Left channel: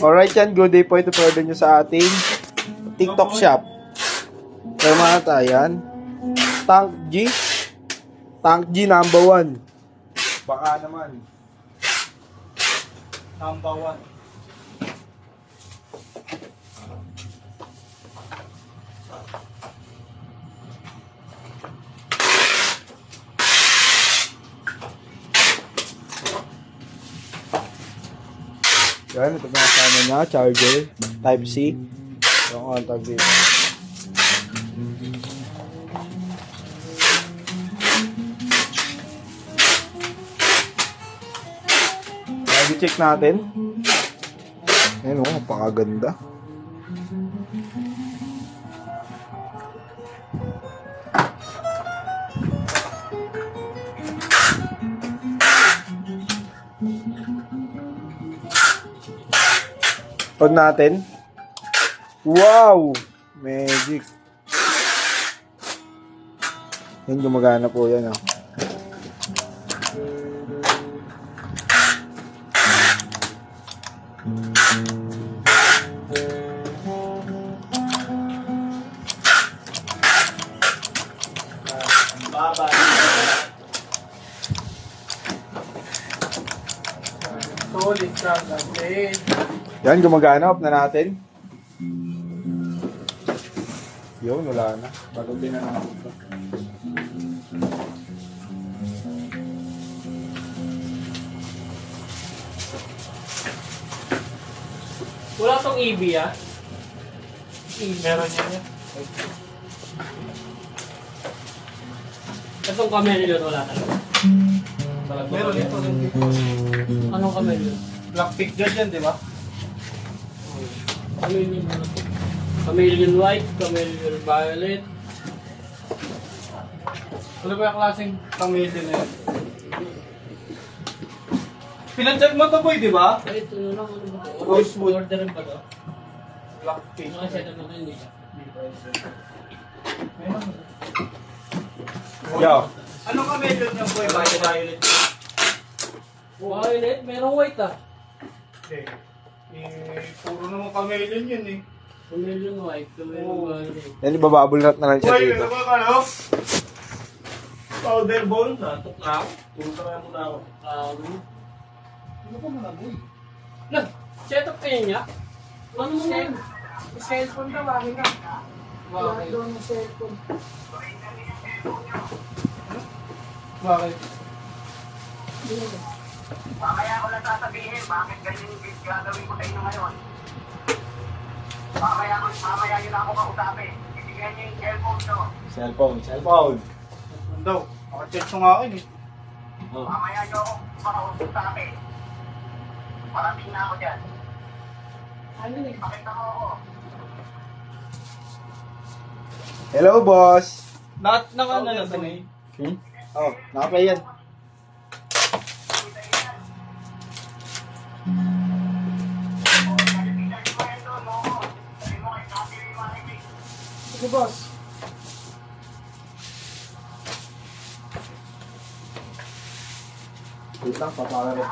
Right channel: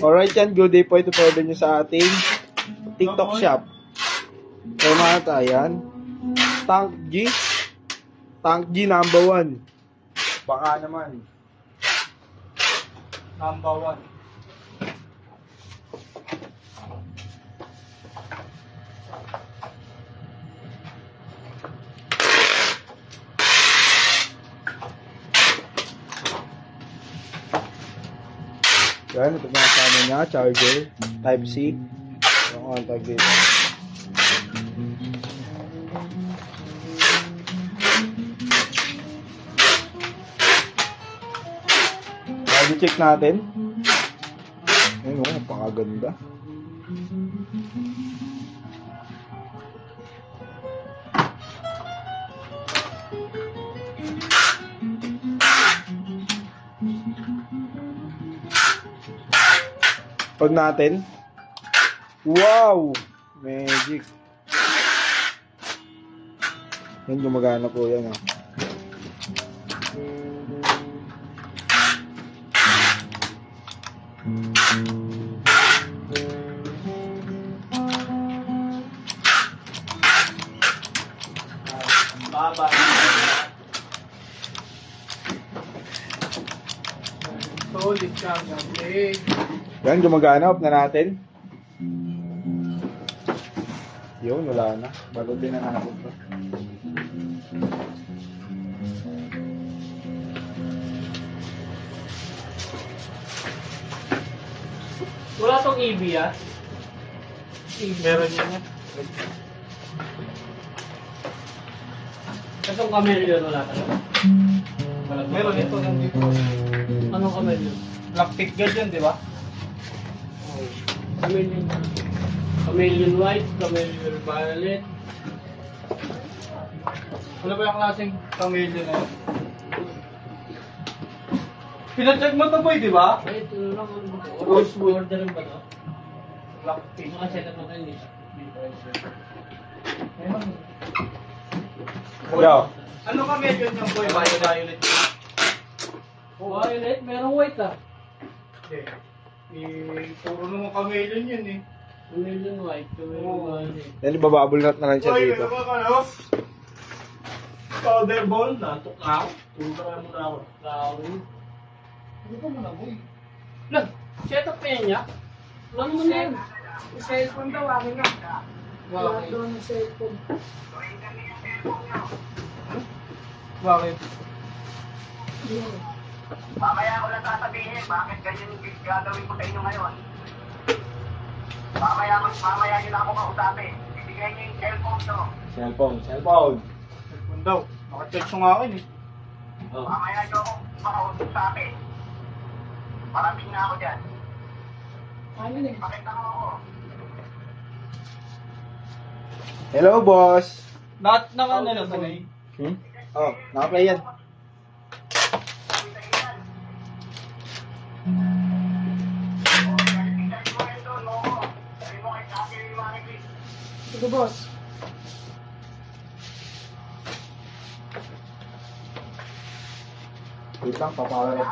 Alright yan, good day po ito po nyo sa ating TikTok shop. Kaya mga tayan, Tank G number 1. Baka naman. Number 1. Yan, ito na kasama niya, charger, type C. Yung contact dito. I-check natin. Ayun o, napakaganda. On natin. Wow! Magic. Yan, gumagana po yan. Oh. Baba. Solid ka na, Yan, gumagana. Off na natin. Yun, wala na. Balutin na natin ito. Wala tong EB ah. Meron yun eh. Itong kameleon wala talaga. Meron ito ng dito. Anong kameleon? Black gun yan, di ba? Chameleon. Chameleon white, chameleon violet. Ano ba yung klaseng chameleon na yun? Pinacheck mo to boy, di ba? Ay, ito lang. Ano ba ito? Rosewood. Orderin ba ito? Black pink. Nakaseta na kayo eh. Yo. Ano chameleon yung boy? Violet. Violet? Merong white ah. Puro naman chameleon yun eh. Chameleon white, chameleon violet. Yan, ibababol na lang siya dito. Powder ball, natok na ako. Tulog ka muna ako. Ano ka muna, boy? Lang, set up kayo niya? Ano naman yan? Cellphone daw, akin nga. Lahat doon ng cellphone. Bakit? Kaya ako lang sasabihin, bakit ganyan yung gagawin ko sa inyo ngayon? Mamaya nyo na ako kausapin. Ibigay nyo yung cellphone to. Cellphone. Cellphone daw. Naka-check sa akin eh. Mamaya nyo ako makausap sa akin. Maraming na ako dyan. Ano eh? Pakita mo ako. Hello, boss. Naka ano lang tanay? Oh, naka-play yan. Sige, boss. Wait lang, papawala.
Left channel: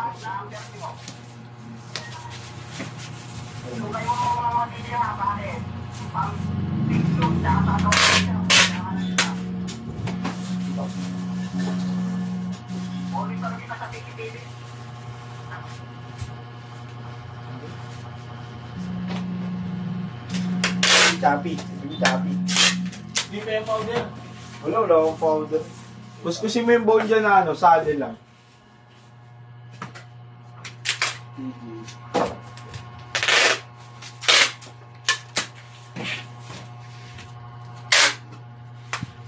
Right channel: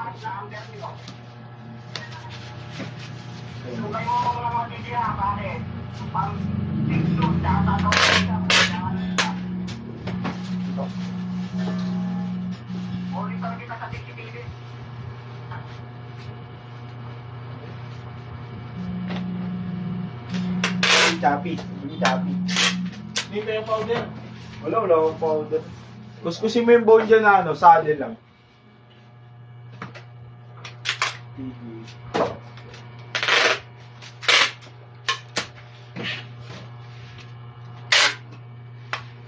Choppy. Hindi pa yung powder. Wala akong powder. Kuskusin mo yung bone dyan na ano, sali lang.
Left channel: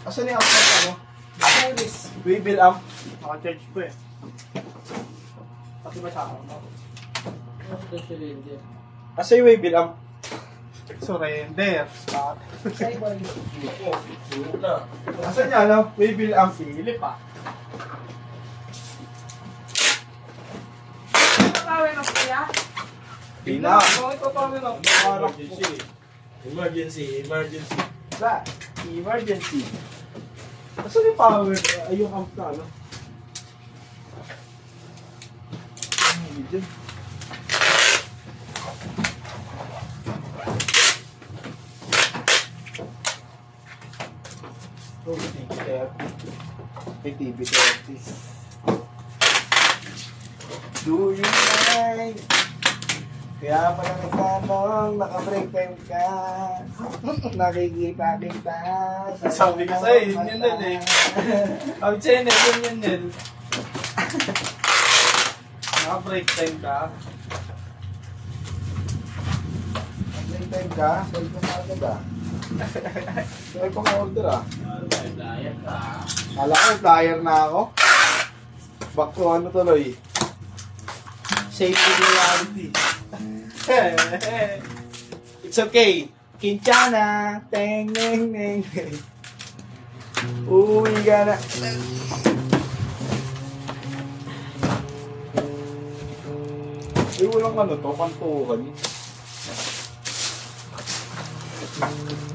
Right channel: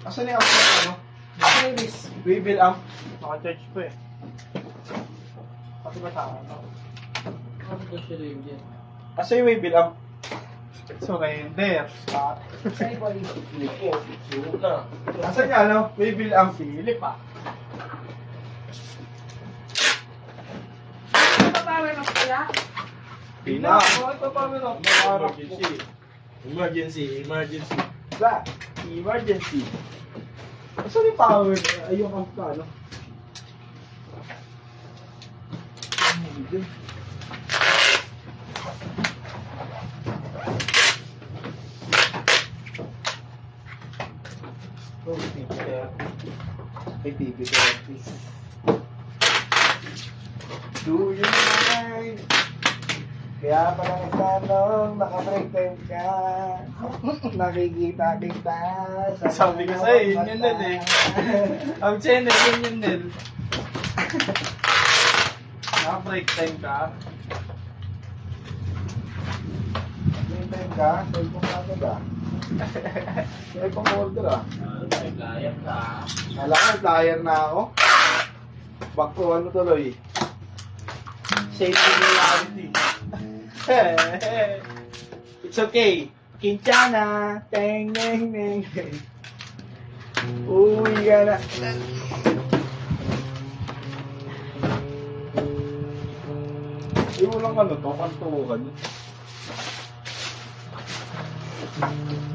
Asan yung amp na ano? Service. Weevil amp. Naka-charge po eh. Pati ba sa akin? Asan yung weevil amp? Surrender. Start. Sideway. Asan yung ano? Weevil amp. Silip ah. Power na kaya? Pina. Ito pa rin ako. Emergency. Ba? Emergency. Asan yung power? Ay, yung amp na ano? Ito, TV30. May TV30. Do you mind? Kaya pala nagtanong, naka-break time ka. Nakikita kita. Sabi ko sa'yo, yun yun Nel eh. Sabi sa'yo Nel, yun yun Nel. Naka-break time ka. Break time ka? Sa'yo kong agad ah. Sa'yo kong order ah. Naglayat ka. Alam ko, flyer na ako. Back to ano tuloy. Safety reality. It's okay. Kinchana. Teng, neng, neng, neng. Uuwi ka na. Ay, walang ano to, kantuhan.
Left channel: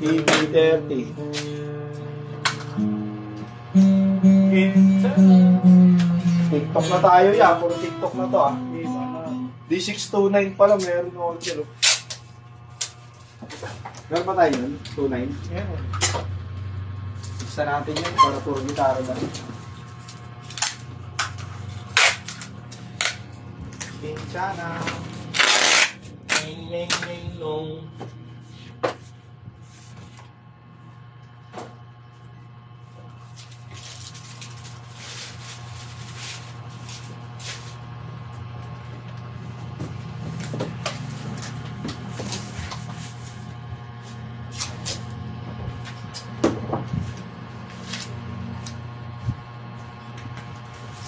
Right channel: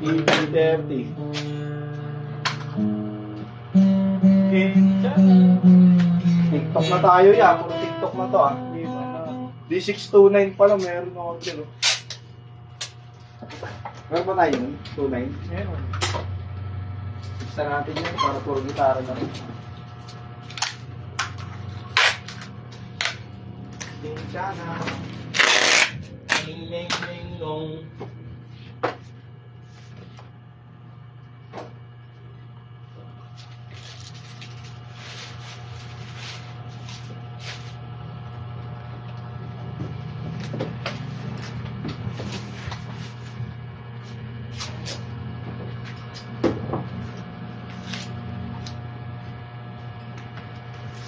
TV30. TikTok na tayo ya, puro TikTok na to ah. D629 pala, meron order. Meron ba tayo nun? 29? Meron. Isa natin yun para puro gitara na rin. Pinchana. Ning, ning, ning, nong.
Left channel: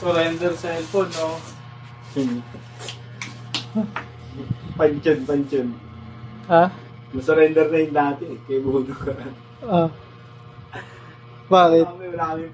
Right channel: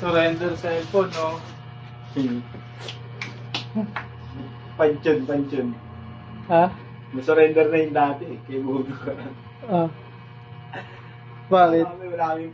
Surrender cellphone, no? Pansyon. Ha? Nasurrender na yung dati eh, kay Budo ka. Ah. Bakit? Wala kami